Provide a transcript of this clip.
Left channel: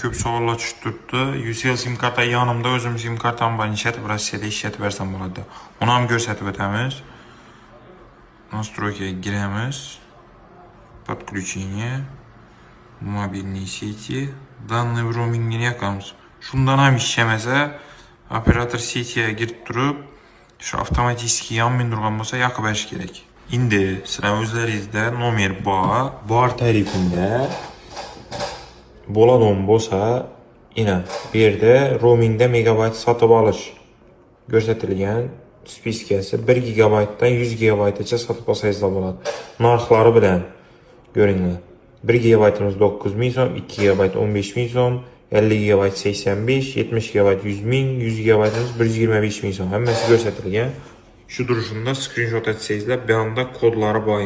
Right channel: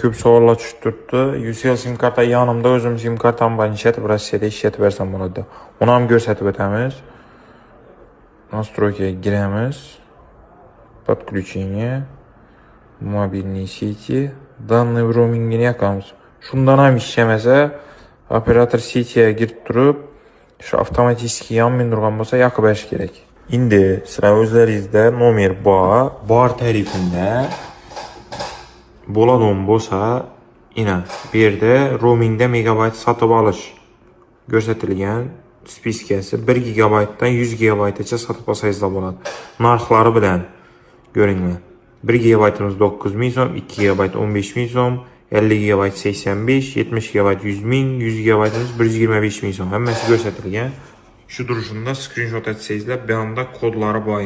Ko'p savollar tushib turibdi. UCL sim karta yanımda, o'zim sim kartam bilan ishlatib, Rossiyada ishlatib bersam bo'ladi. Uni ham ko'rsatib o'tamiz. Настройкаga giramiz. Подключение. Mobilniy seti. Данный roamingini yoqamiz. Shundan ham ishlamasa, operator setiga kirib turib, shu avtomatik yonmin turgan bo'lsa, yoqib berish kerak. Endi sizlar o'zlaringizda nomer bor tarifida bo'ladigan bo'lsa, ina bu yerda roamingda megabayt sotib olish ko'rsatilgan. Spiskasi 1 gigabaytdan 100 gigabaytgacha sotib olsangiz bo'ladi. Narxlari bilan ko'ringlar. 1 gigabaytimiz 9000 so'm, 2 gigabayt 15000 so'm, 50 gigabayt 85, 70 gigabayt 100.000, 100 gigabaytimiz 125.000 so'm. Hammasi ko'rsatilgan. Shu durishunda screenshot etsangizlar, bu yerda kodlari bor.